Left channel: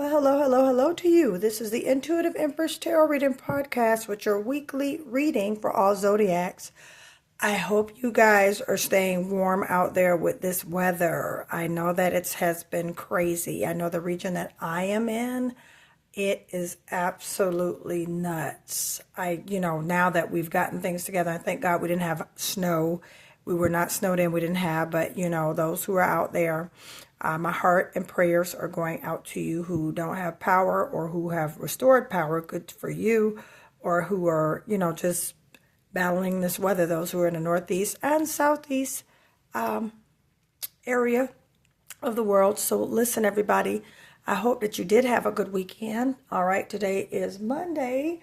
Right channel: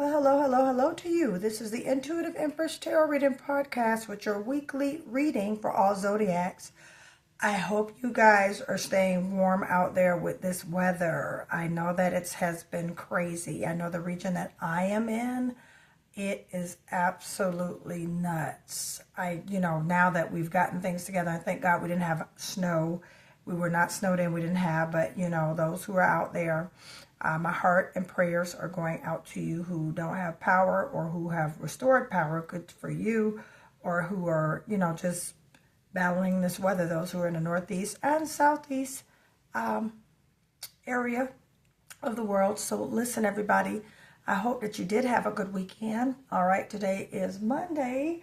Well, hello, hello, hello to you. This is the Intuitive Empress Tarot Reading Podcast with your weekly reading for all zodiacs. I hope you guys are staying warm out there with this weather. I know that it has been crazy. I know the region that I am in, it is absolutely nuts. Now that we've gotten things together, I thank God we didn't have snow. We were not snowed in, we didn't have, but those who are out there, my heart and prayers are going out to you who don't have power or who have restored power. Good for you. Or who are, just battling this weather. Those who are in the northeast and southeast area of the world. So listen, everybody. I hope that you did have a good weekend. All right. Today is Monday,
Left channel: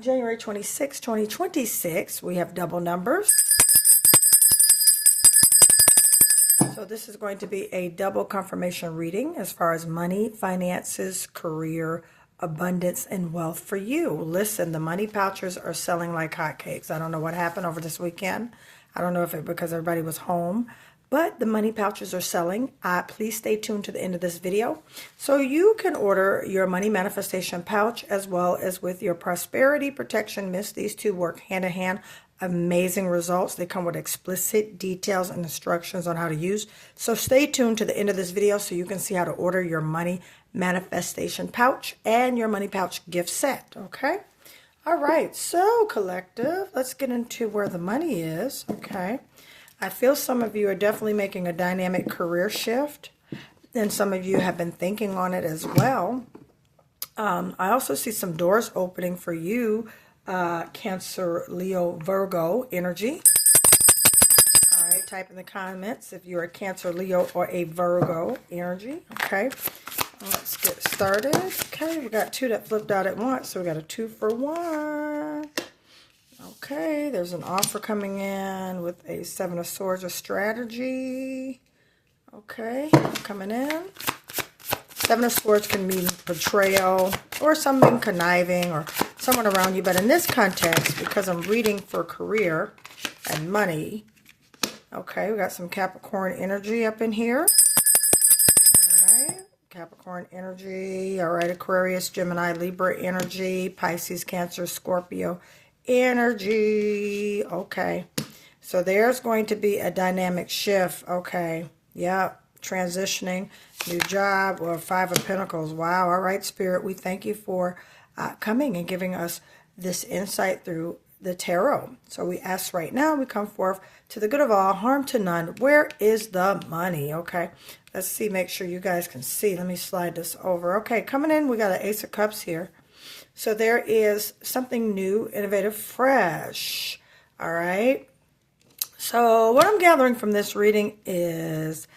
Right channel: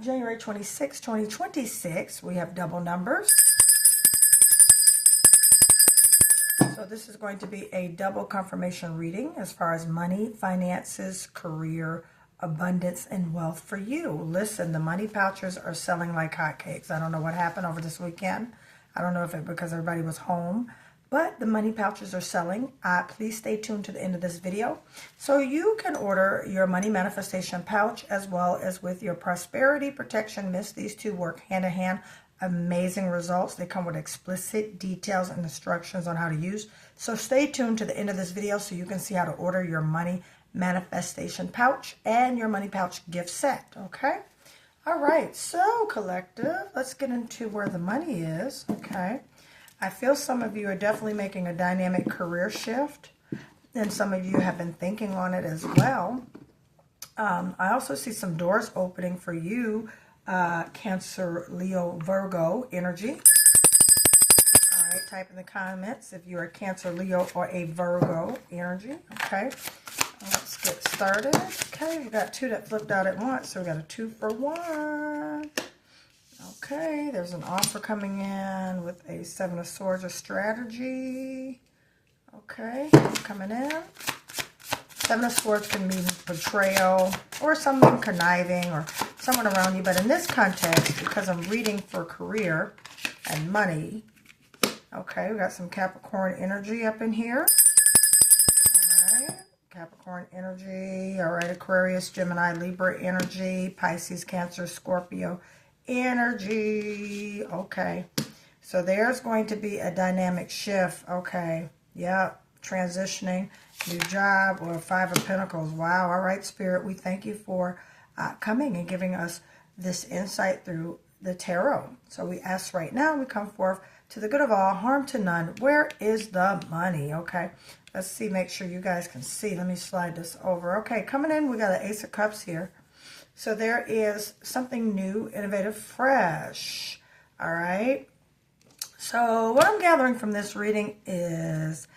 January 26, 2026. We have double numbers. So this is going to be a double confirmation reading as far as money, finances, career, abundance, and wealth for you. Listen, the money pouches are selling like hotcakes. I don't know what happened over this weekend. I don't know if it's because everybody was home, but the money pouches are selling. Please stay tuned to the end of this video so you can order your money manifestation pouch as well as with your prosperity protection mist. These two work hand in hand. Amazing results. They come with explicit details and instructions on how to use. So stay tuned to the end of this video so you can see how to order your money manifestation pouch and your money pouch gift set. Okay. All right. So collective, let's get into where the money is. Okay. I feel some of you are definitely making a dynamic career shift, and some of you have been thinking on it as well. I also see some doors opening for you. Cancer, Leo, Virgo energy. All right, type in the comments if you're a Cancer, Leo, or a Virgo energy. Okay, let's get started. Okay, we got two that flipped out at once, so we got a 2 for 1. Okay, there's an offer coming in with a 7 of Swords, a strategy. Okay, coming in. 7 of Swords can mean betrayal or something conniving or someone around you. But in this context, because I'm reading for career and money, okay, we got some Capricorn energy up in here. All right, Capricorn energy. All right, Aquarius, Gemini, Libra energy, Pisces, Cancer, Scorpio energy. Okay, so there's going to be a dynamic shift. Okay, yeah. Transitioning, new job, or 5 of Pentacles. Wow. All right, Spirit, we thank you for coming and giving us this insight through the tarot. So we ask right now, we come forth to the good of all, harm to none. Where is the money? Okay, let's see, make sure you guys can see. Let me slide this over. Okay, coming in, we got an Ace of Cups here. So there is something new, innovative, fresh. All right. So what I'm gathering from this reading is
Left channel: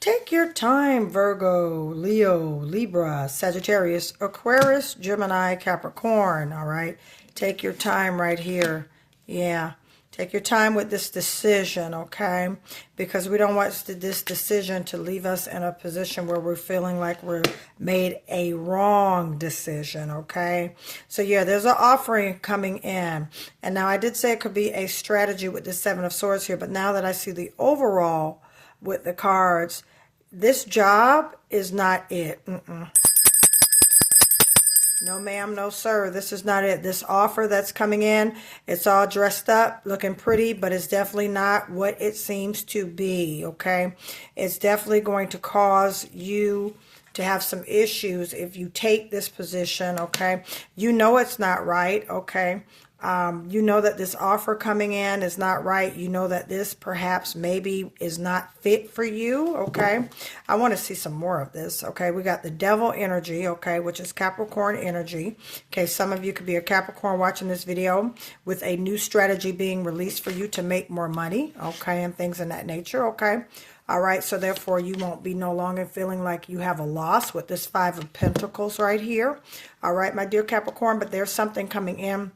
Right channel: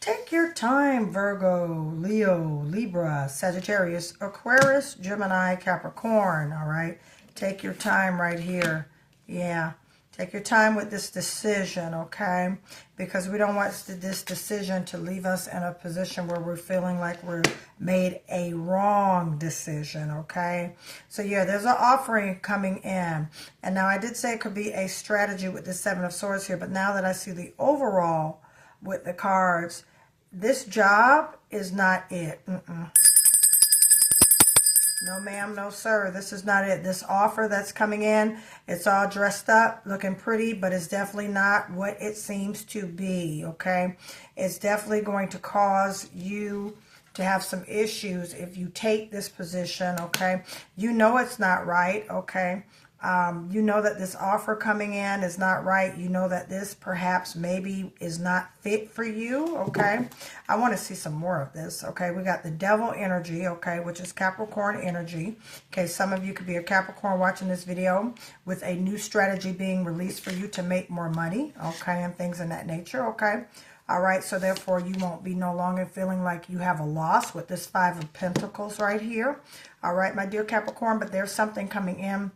take your time, Virgo, Leo, Libra, Sagittarius, Aquarius, Gemini, Capricorn, all right? Take your time right here. Yeah, take your time with this decision, okay? Because we don't want this decision to leave us in a position where we're feeling like we're made a wrong decision, okay? So, yeah, there's an offering coming in. And now I did say it could be a strategy with the 7 of Swords here, but now that I see the overall with the cards, this job is not it. No, ma'am, no, sir. This is not it. This offer that's coming in, it's all dressed up, looking pretty, but it's definitely not what it seems to be, okay? It's definitely going to cause you to have some issues if you take this position, okay? You know it's not right, okay? You know that this offer coming in is not right. You know that this perhaps maybe is not fit for you, okay? I want to see some more of this, okay? We got the Devil energy, okay, which is Capricorn energy. Okay, some of you could be a Capricorn watching this video with a new strategy being released for you to make more money, okay, and things in that nature, okay? All right, so therefore you won't be no longer feeling like you have a loss with this 5 of Pentacles right here. All right, my dear Capricorn, but there's something coming in.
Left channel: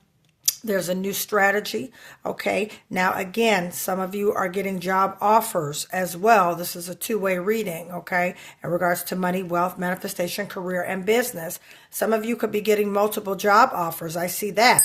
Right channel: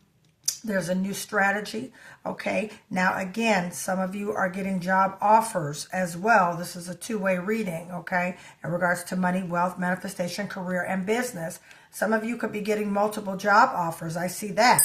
There's a new strategy, okay? Now, again, some of you are getting job offers as well. This is a two-way reading, okay, in regards to money, wealth, manifestation, career, and business. Some of you could be getting multiple job offers. I see that,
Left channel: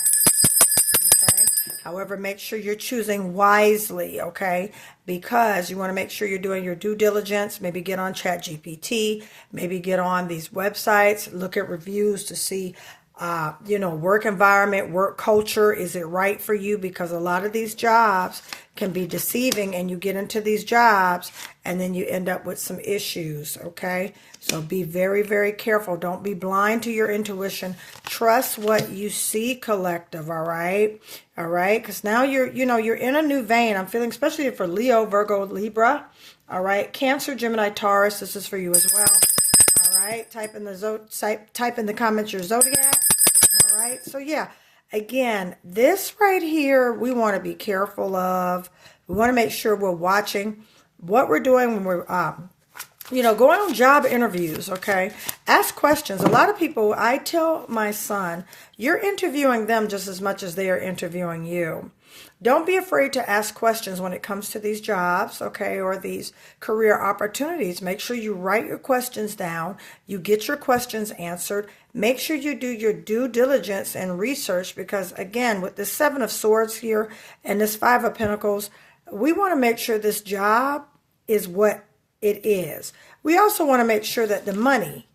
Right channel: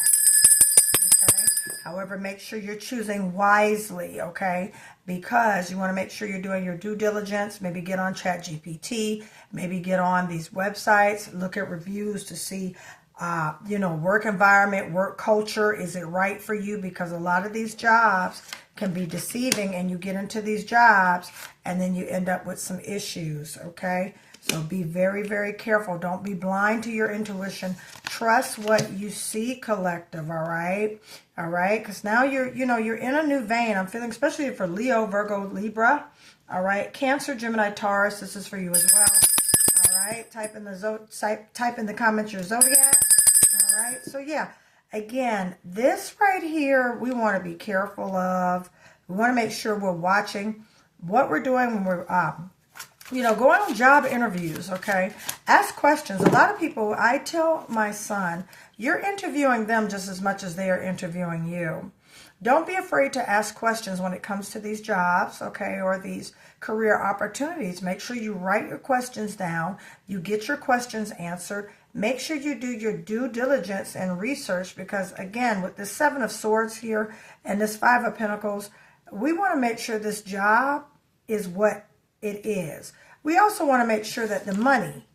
okay? However, make sure you're choosing wisely, okay? Because you want to make sure you're doing your due diligence. Maybe get on ChatGPT, maybe get on these websites, look at reviews to see, work environment, work culture. Is it right for you? Because a lot of these jobs can be deceiving, and you get into these jobs and then you end up with some issues, okay? So be very, very careful. Don't be blind to your intuition. Trust what you see, collective, all right? All right? Because now you're in a new vein. I'm feeling, especially for Leo, Virgo, Libra, all right? Cancer, Gemini, Taurus, this is for you as well. All right? Type in the comments your zodiac. All right? So yeah, again, this right here, we want to be careful of. We want to make sure we're watching what we're doing when we're going on job interviews, okay? Ask questions. A lot of people, I tell my son, you're interviewing them just as much as they are interviewing you. Don't be afraid to ask questions when it comes to these jobs, okay, or these career opportunities. Make sure you write your questions down. You get your questions answered. Make sure you do your due diligence and research because, again, with the Seven of Swords here and this Five of Pentacles, we want to make sure this job is what it is. We also want to make sure that the money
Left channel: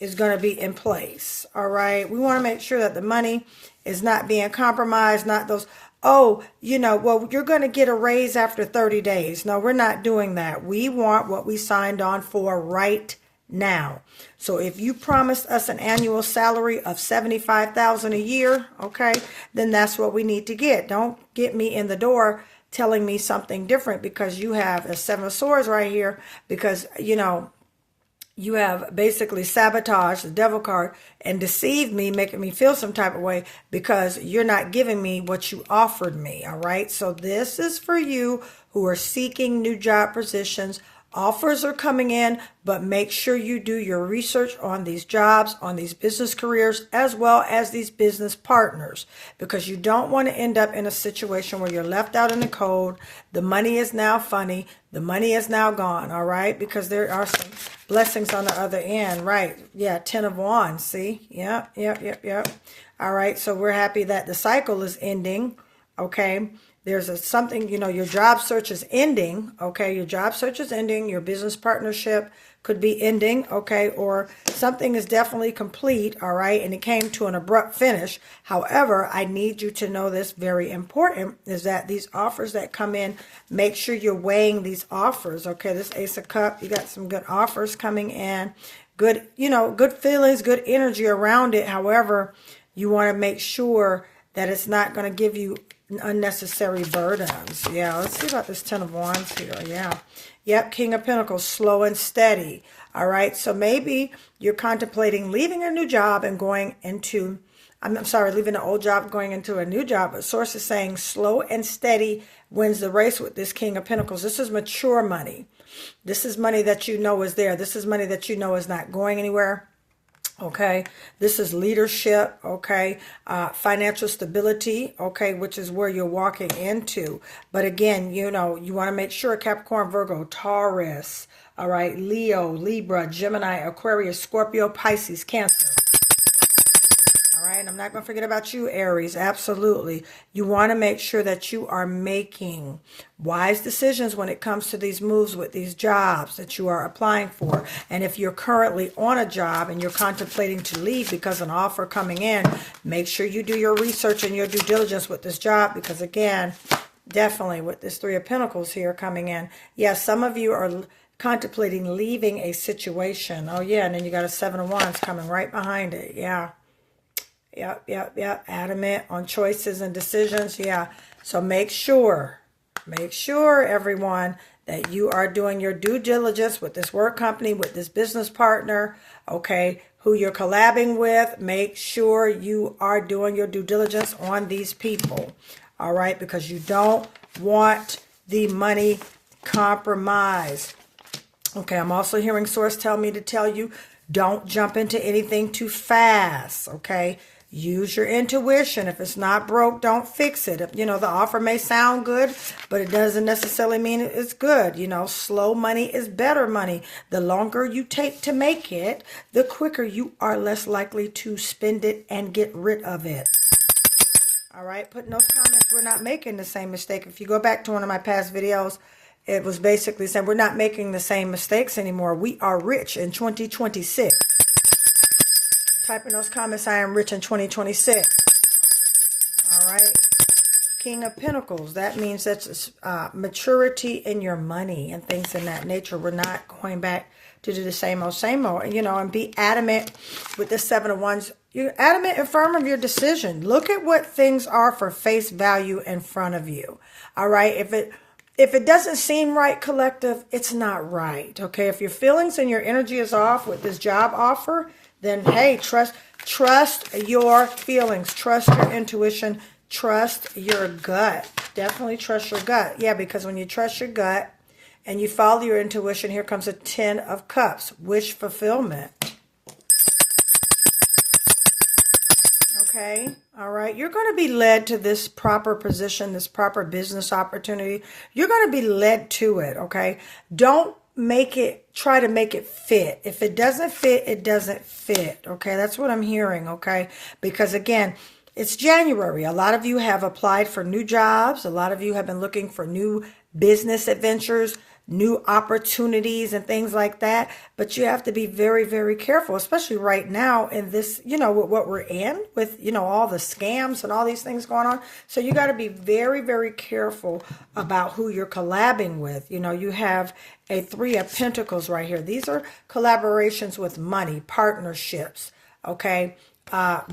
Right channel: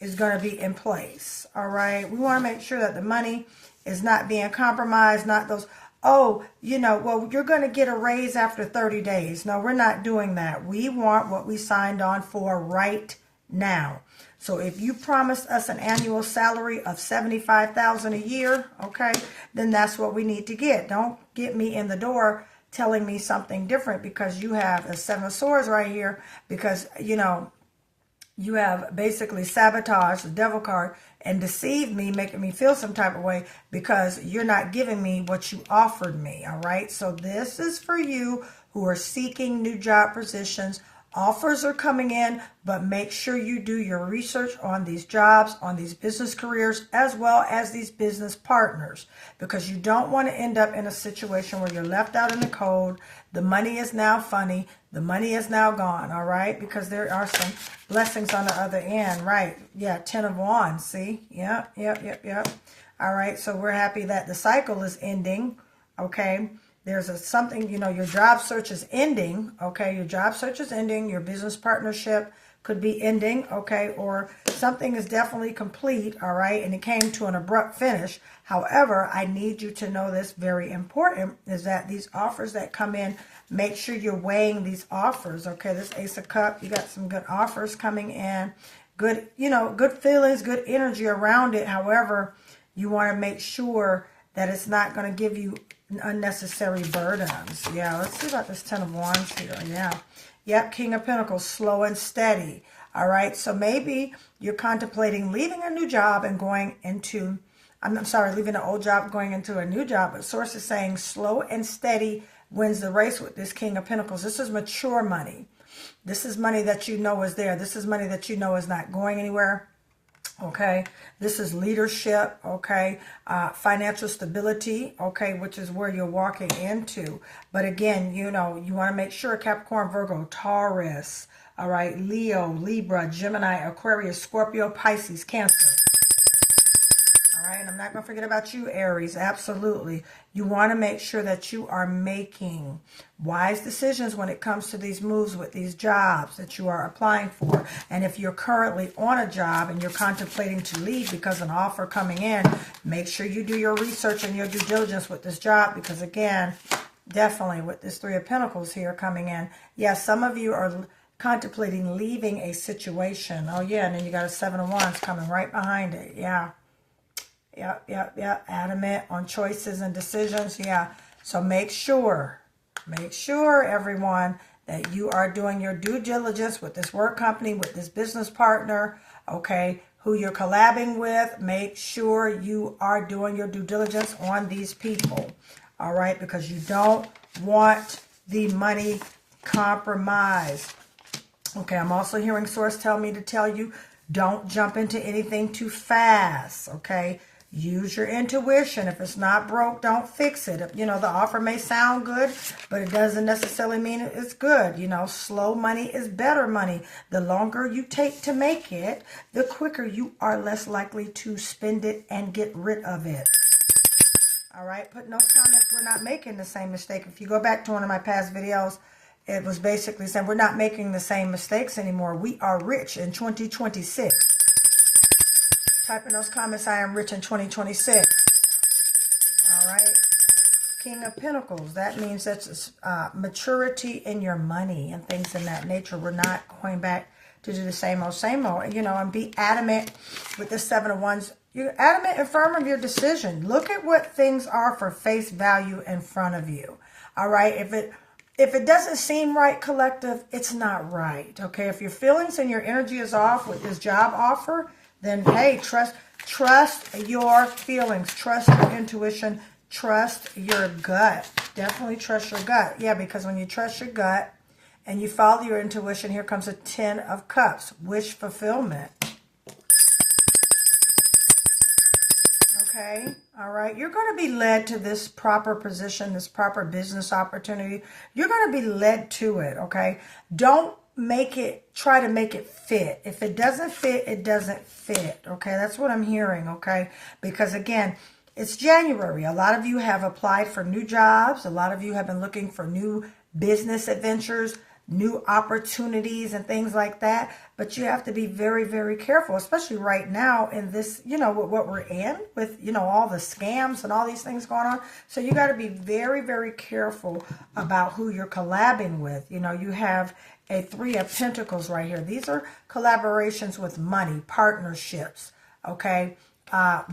is going to be in place, all right? We want to make sure that the money is not being compromised, not those, you're going to get a raise after 30 days. No, we're not doing that. We want what we signed on for right now. So if you promised us an annual salary of $75,000 a year, okay, then that's what we need to get. Don't get me in the door telling me something different because you have a Seven of Swords right here because, you have basically sabotaged the devil card and deceived me, making me feel some type of way because you're not giving me what you offered me, all right? So this is for you who are seeking new job positions. Offers are coming in, but make sure you do your research on these jobs, on these business careers, as well as these business partners, because you don't want to end up in a situation where you're left out in the cold. The money is now funny. The money is now gone, all right? Because there are some blessings on the other end, right? Yeah, 10 of Wands, see? Yep. All right, so we're happy that the cycle is ending, okay? There's something, your job search is ending, okay? Your job search is ending. Your business partnership could be ending, okay? Or something is definitely complete, all right? And it came to an abrupt finish. However, I need you to know this, very important, is that these offers that come in, make sure you're weighing these offers, okay? This Ace of Cups, you got some good offers coming in. Good, good feelings, good energy around it. However, you want to make sure that it's not going to give you unnecessary burdens. Yeah, let's see about this 10 of Wands here. Yeah. Yep, King of Pentacles, slow and steady. All right, so maybe you're contemplating leaving a new job and going into, leaving an old job, going into a new job. But Source is saying slow and steady wins the race with this King of Pentacles. This is mature money. This is money that you know is there. This is money that you know is not going anywhere. Okay, this is leadership, okay, financial stability, okay, which is where you're walking into. But again, you want to make sure Capricorn, Virgo, Taurus, all right, Leo, Libra, Gemini, Aquarius, Scorpio, Pisces, Cancer. All right, I'm not going to forget about you, Aries, absolutely. You want to make sure that you are making wise decisions when it comes to these moves with these jobs that you are applying for. And if you're currently on a job and you're contemplating to leave because an offer coming in, make sure you do your research and your due diligence with this job because, again, definitely with this Three of Pentacles here coming in, yes, some of you are contemplating leaving a situation. Oh, yeah, and then you got a Seven of Wands coming right behind it, yeah. Yep. Adamant on choices and decisions. Yeah. So make sure, everyone, that you are doing your due diligence with this work company, with this business partner, okay, who you're collabing with. Make sure you are doing your due diligence on these people. All right. Because you don't want the money compromised. Okay. I'm also hearing Source tell me to tell you, don't jump into anything too fast. Okay. Use your intuition. If it's not broke, don't fix it. The offer may sound good, but it doesn't necessarily mean it's good. Slow money is better money. The longer you take to make it, the quicker you are less likely to spend it and get rid of it. All right, put in those comments we're not making the same mistake. If you go back to one of my past videos, it was basically saying we're not making the same mistakes anymore. We are rich in 2026. Type in those comments, I am rich in 2026. All right. King of Pentacles. That means that's maturity in your money and things in that nature. We're not going back to do the same old, you know, and be adamant with the Seven of Wands. You're adamant and firm of your decision. Look at what things are for face value in front of you. All right. If it doesn't seem right, collective, it's not right. Okay. If your feelings and your energy is off with this job offer, then hey, trust your feelings, trust your intuition, trust your gut. Definitely trust your gut. Yeah, because when you trust your gut and you follow your intuition, here comes a 10 of Cups, wish fulfillment. Okay, all right. You're going to be led to this proper position, this proper business opportunity. You're going to be led to it, okay? Don't try to make it fit. If it doesn't fit, it doesn't fit, okay? That's what I'm hearing, okay? Because again, it's January. A lot of you have applied for new jobs. A lot of you have been looking for new business adventures, new opportunities and things like that. But you have to be very, very careful, especially right now in this, you know, what we're in with, you know, all the scams and all these things going on. So you got to be very, very careful about who you're collabing with. You know, you have a 3 of Pentacles right here. These are collaborations with money, partnerships, okay?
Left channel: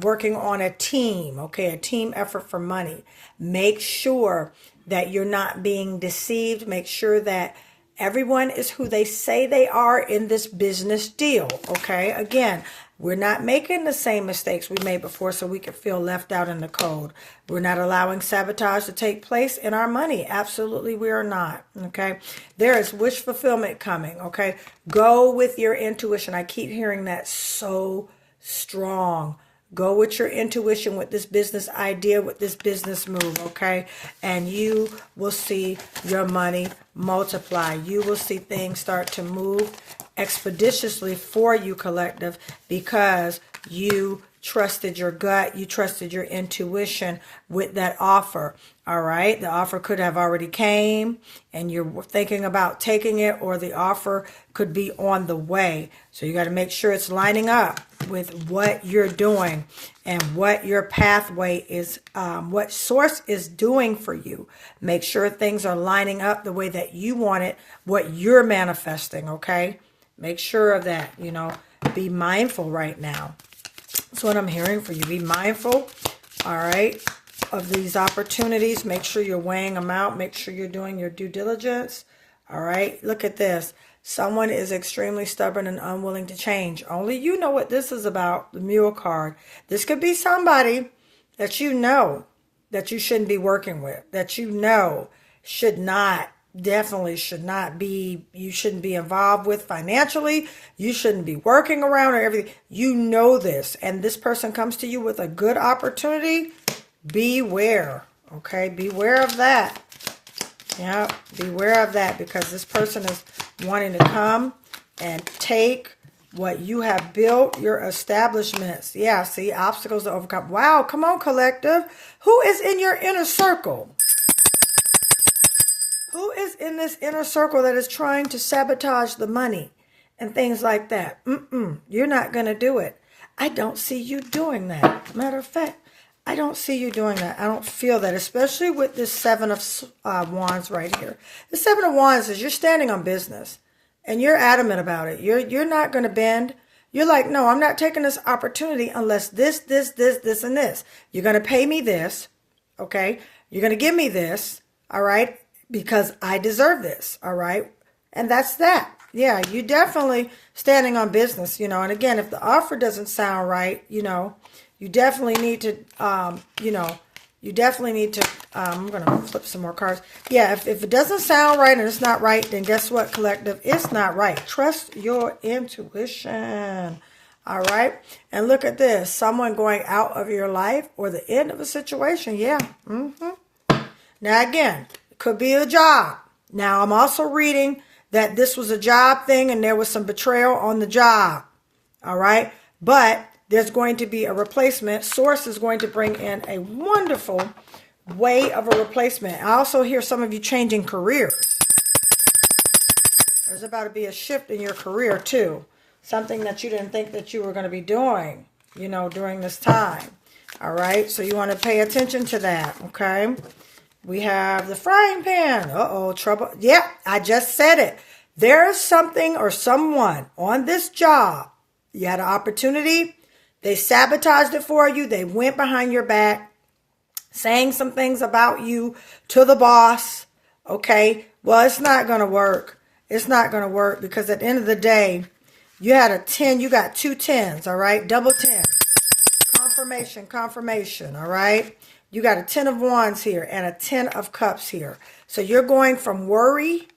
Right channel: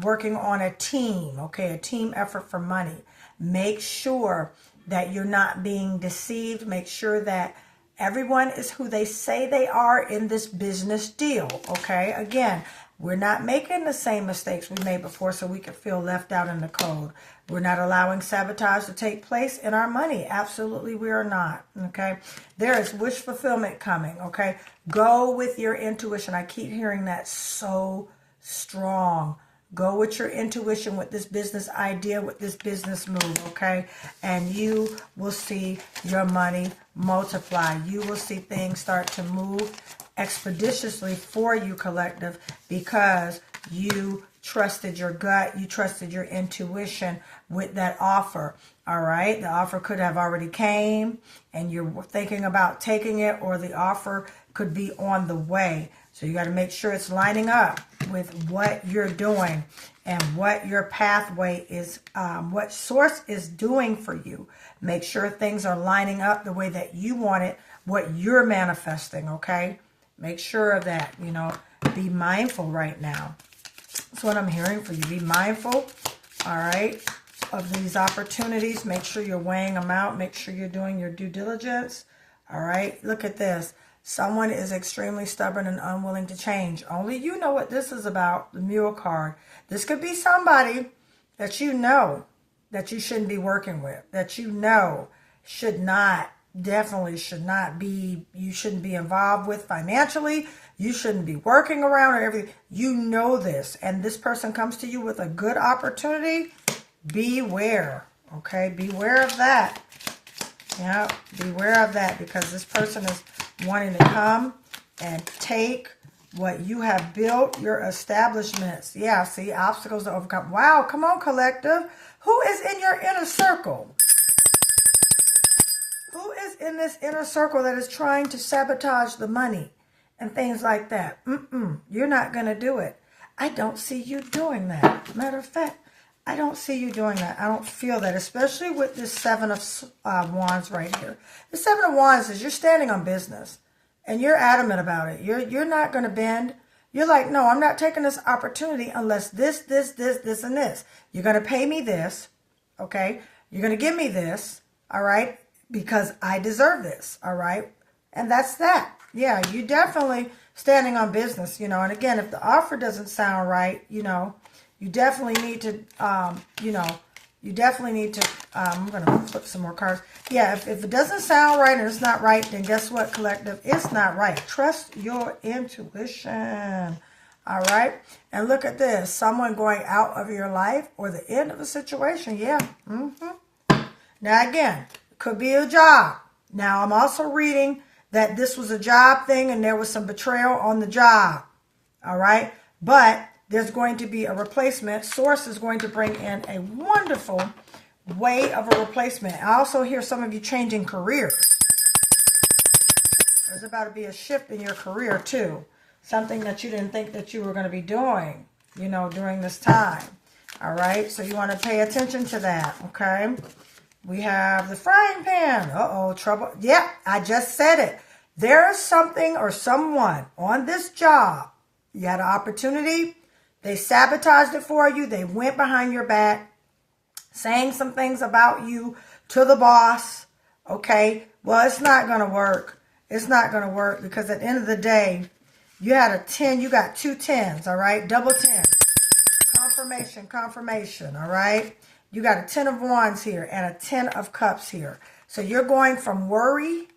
Working on a team, okay? A team effort for money. Make sure that you're not being deceived. Make sure that everyone is who they say they are in this business deal, okay? Again, we're not making the same mistakes we made before so we could feel left out in the cold. We're not allowing sabotage to take place in our money. Absolutely, we are not, okay? There is wish fulfillment coming, okay? Go with your intuition. I keep hearing that so strong. Go with your intuition with this business idea, with this business move, okay? And you will see your money multiply. You will see things start to move expeditiously for you, collective, because you trusted your gut, you trusted your intuition with that offer. All right, the offer could have already came and you're thinking about taking it, or the offer could be on the way. So you got to make sure it's lining up with what you're doing and what your pathway is, what source is doing for you. Make sure things are lining up the way that you want it, what you're manifesting, okay? Make sure of that, you know. Be mindful right now. That's what I'm hearing for you. Be mindful, all right, of these opportunities. Make sure you're weighing them out. Make sure you're doing your due diligence, all right? Look at this. Someone is extremely stubborn and unwilling to change. Only you know what this is about, the Mule card. This could be somebody that you know that you shouldn't be working with, that you know should not, definitely should not be, you shouldn't be involved with financially. You shouldn't be working around or everything. You know this, and this person comes to you with a good opportunity. Beware, okay? Beware of that. Yeah, beware of that, because this person is wanting to come and take what you have built, your establishments. Yeah, see, obstacles to overcome. Wow, come on, collective. Who is in your inner circle? Who is in this inner circle that is trying to sabotage the money and things like that? You're not going to do it. I don't see you doing that. Matter of fact, I don't see you doing that. I don't feel that, especially with this 7 of Wands right here. The 7 of Wands is you're standing on business and you're adamant about it. You're not going to bend. You're like, no, I'm not taking this opportunity unless this, and this. You're going to pay me this, okay? You're going to give me this, all right? Because I deserve this, all right? And that's that. Yeah, you definitely standing on business, you know. And again, if the offer doesn't sound right, you know, you definitely need to, I'm going to flip some more cards. Yeah, if it doesn't sound right and it's not right, then guess what, collective? It's not right. Trust your intuition. All right. And look at this. Someone going out of your life or the end of a situation. Yeah. Now, again, it could be a job. Now, I'm also reading that this was a job thing and there was some betrayal on the job. All right. But there's going to be a replacement. Source is going to bring in a wonderful way of a replacement. I also hear some of you changing careers. There's about to be a shift in your career too. Something that you didn't think that you were going to be doing, you know, during this time. All right. So you want to pay attention to that. Okay. We have the frying pan. Uh-oh, trouble. Yeah, I just said it. There's something or someone on this job. You had an opportunity. They sabotaged it for you. They went behind your back, saying some things about you to the boss. Okay. Well, it's not going to work. It's not going to work because at the end of the day, you had a 10. You got 2 10s. All right. Double 10. Confirmation. All right. You got a 10 of wands here and a 10 of cups here. So you're going from worry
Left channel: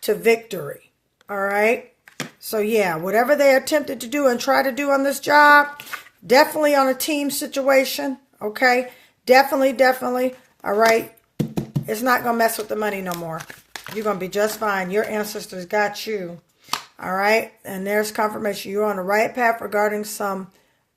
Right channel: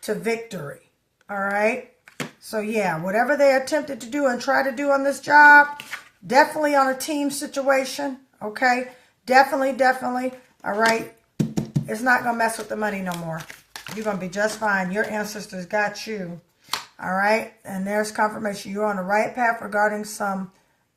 to victory. All right. So yeah, whatever they attempted to do and try to do on this job, definitely on a team situation. Okay. Definitely. All right. It's not going to mess with the money no more. You're going to be just fine. Your ancestors got you. All right. And there's confirmation. You're on the right path regarding some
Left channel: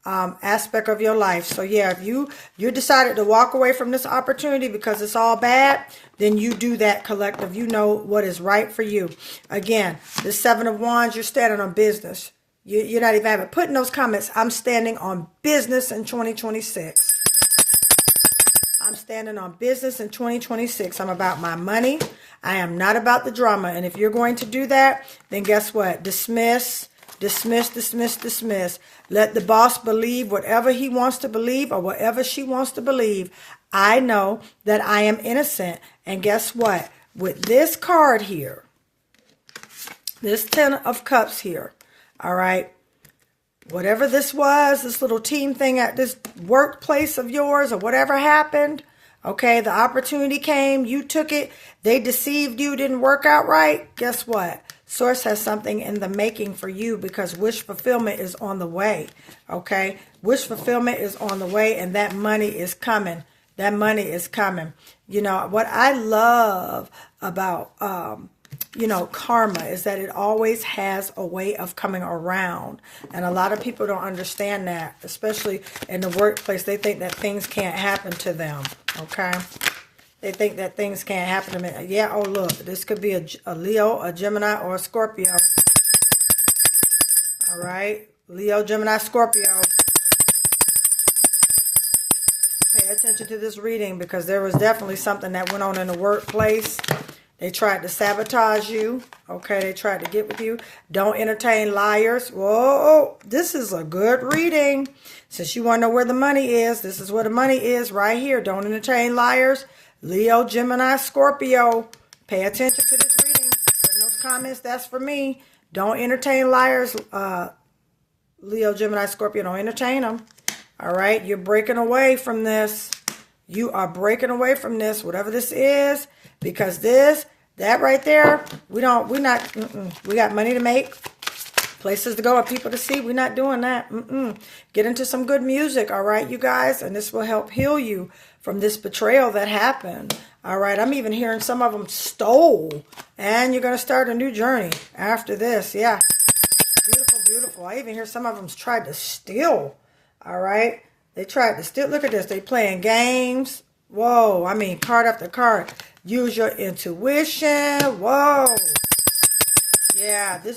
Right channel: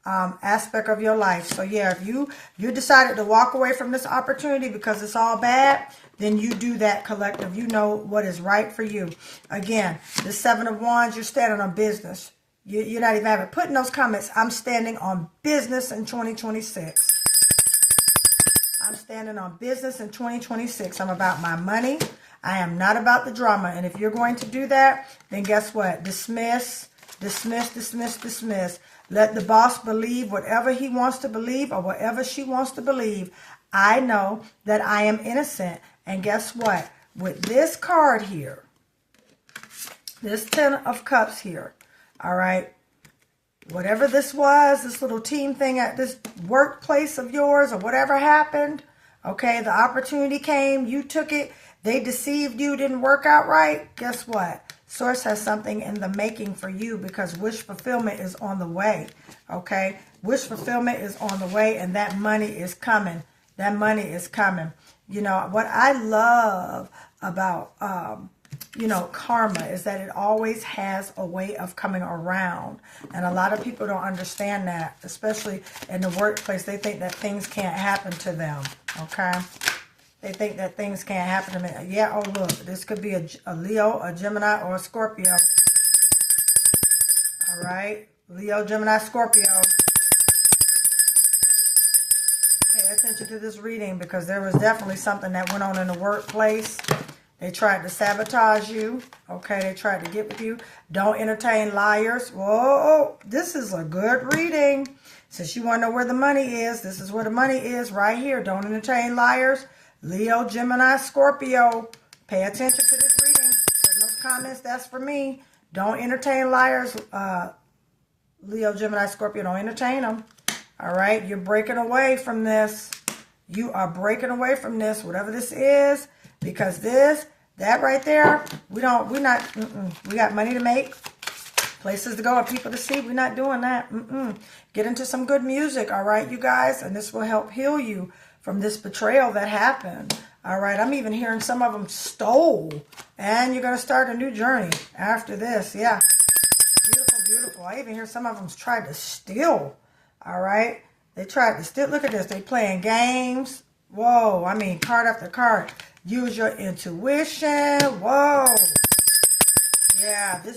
aspect of your life. So yeah, if you decided to walk away from this opportunity because it's all bad, then you do that, collective. You know what is right for you. Again, the 7 of wands, you're standing on business. You're not even having put in those comments, I'm standing on business in 2026. I'm standing on business in 2026. I'm about my money. I am not about the drama. And if you're going to do that, then guess what? Dismiss. Let the boss believe whatever he wants to believe or whatever she wants to believe. I know that I am innocent. And guess what? With this card here, this 10 of cups here, all right, whatever this was, this little team thing at this workplace of yours or whatever happened, okay, the opportunity came, you took it, they deceived you, didn't work out right. Guess what? Source has something in the making for you because wish fulfillment is on the way, okay? Wish fulfillment is on the way and that money is coming. That money is coming. You know, what I love about, you know, karma is that it always has a way of coming around. And a lot of people don't understand that, especially in the workplace. They think that things can't happen to them, okay? They think that things can't happen to me. Yeah, oh, look, this could be a Leo, a Gemini, or a Scorpio. All right, Leo, Gemini, Scorpio. Pay attention to this reading because there was definitely something that went on in the workplace. They tried to sabotage you. Okay, they tried to get with you. Don't entertain liars. Whoa, this is a good reading. Since you want to know where the money is, this is where the money is right here. Don't entertain liars. Leo, Gemini, Scorpio. Pay attention to this reading. Put in those comments, that's for me. Don't entertain liars. Leo, Gemini, Scorpio, don't entertain them. All right, you're breaking away from this. You are breaking away from this, whatever this is, because that right there, we got money to make, places to go, and people to see. We're not doing that. Get into some good music, all right, you guys, and this will help heal you from this betrayal that happened. All right, I'm even hearing some of them stole, and you're going to start a new journey after this. Yeah, beautiful. I even hear some of them tried to steal. All right, they tried to steal. Look at this. They playing games. Whoa, I mean, card after card. Use your intuition. Whoa. Yeah, the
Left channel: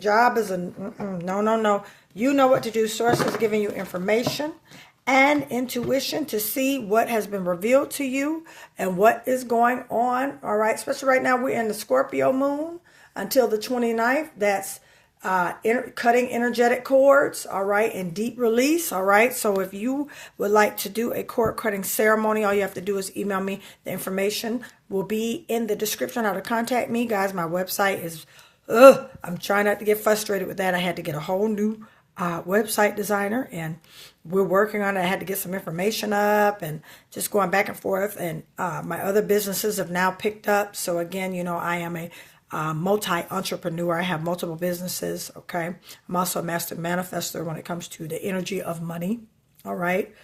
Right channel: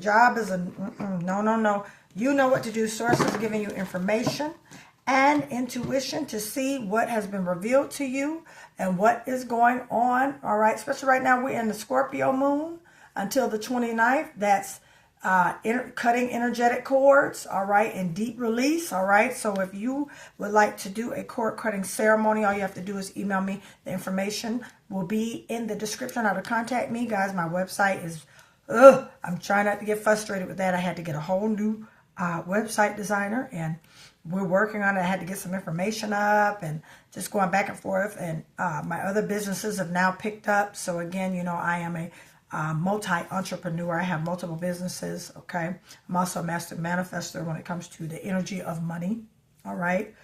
job is a no. You know what to do. Sources are giving you information and intuition to see what has been revealed to you and what is going on. All right, especially right now, we're in the Scorpio moon until the 29th. That's cutting energetic cords, all right, and deep release, all right. So if you would like to do a cord cutting ceremony, all you have to do is email me. The information will be in the description how to contact me, guys. My website is, I'm trying not to get frustrated with that. I had to get a whole new website designer, and we're working on it. I had to get some information up and just going back and forth, and my other businesses have now picked up. So again, you know, I am a multi-entrepreneur. I have multiple businesses, okay? I'm also a master manifestor when it comes to the energy of money, all right?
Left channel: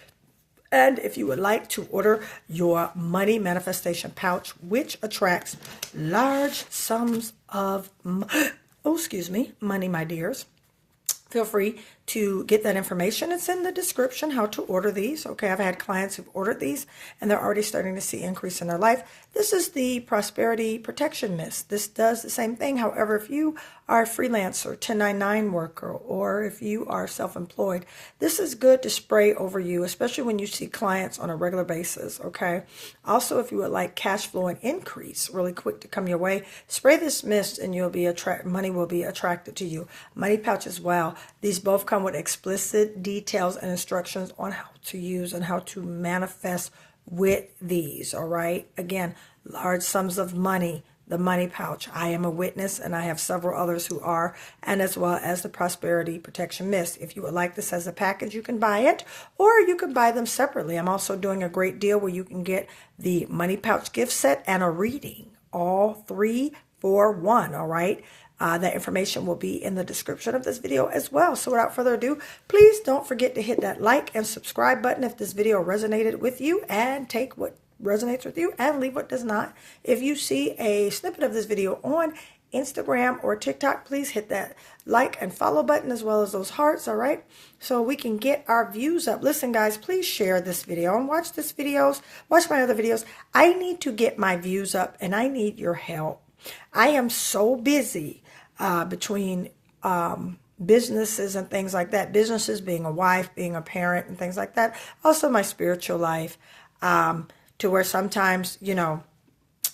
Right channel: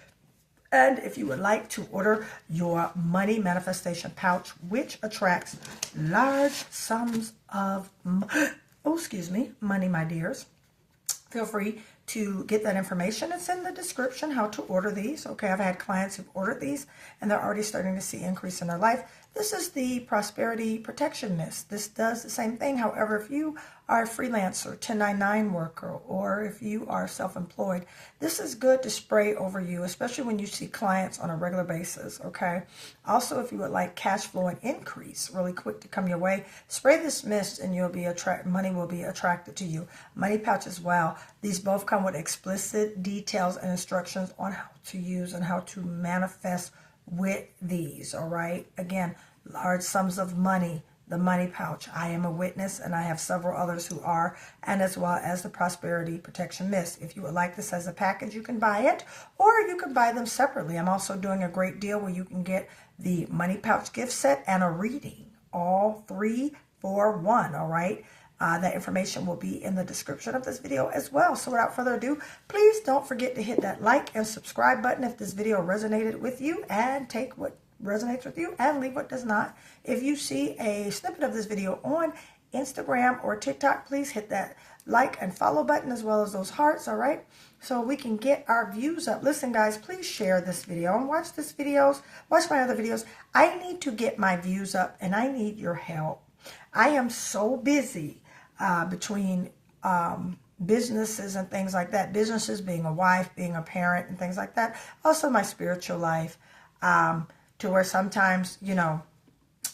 And if you would like to order your money manifestation pouch, which attracts large sums of, money, my dears, feel free to get that information, it's in the description how to order these. Okay, I've had clients who've ordered these and they're already starting to see increase in their life. This is the Prosperity Protection Mist. This does the same thing. However, if you are a freelancer, 1099 worker, or if you are self-employed, this is good to spray over you, especially when you see clients on a regular basis, okay? Also, if you would like cash flow and increase really quick to come your way, spray this mist and you'll be money will be attracted to you. Money pouch as well. These both come with explicit details and instructions on how to use and how to manifest with these, all right? Again, large sums of money, the money pouch. I am a witness and I have several others who are, and as well as the Prosperity Protection Mist. If you would like this as a package, you can buy it or you can buy them separately. I'm also doing a great deal where you can get the money pouch gift set and a reading, all 3 for 1, all right? That information will be in the description of this video as well. So without further ado, please don't forget to hit that like and subscribe button if this video resonated with you, and take what resonates with you and leave what does not. If you see a snippet of this video on Instagram or TikTok, please hit that like and follow button as well as those hearts, all right? So we can get our views up. Listen, guys, please share this video and watch my other videos. I need to get my views up and I need your help. I am so busy between businesses and things like that. Businesses, being a wife, being a parent and things like that. Also my spiritual life, to where sometimes, you know,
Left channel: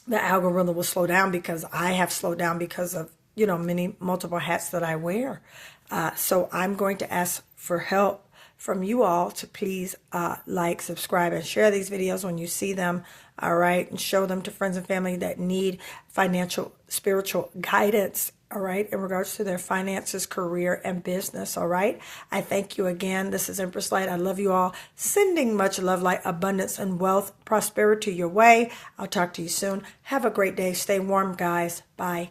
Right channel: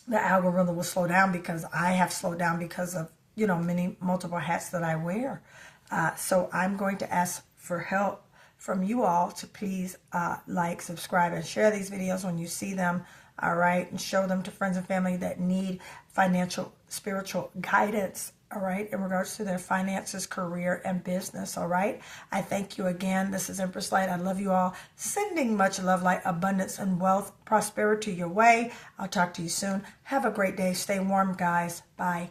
the algorithm will slow down because I have slowed down because of, you know, multiple hats that I wear. So I'm going to ask for help from you all to please like, subscribe, and share these videos when you see them, all right? And show them to friends and family that need financial, spiritual guidance, all right, in regards to their finances, career, and business, all right? I thank you again. This is Empress Light. I love you all. Sending much love, light, abundance, and wealth, prosperity your way. I'll talk to you soon. Have a great day. Stay warm, guys. Bye.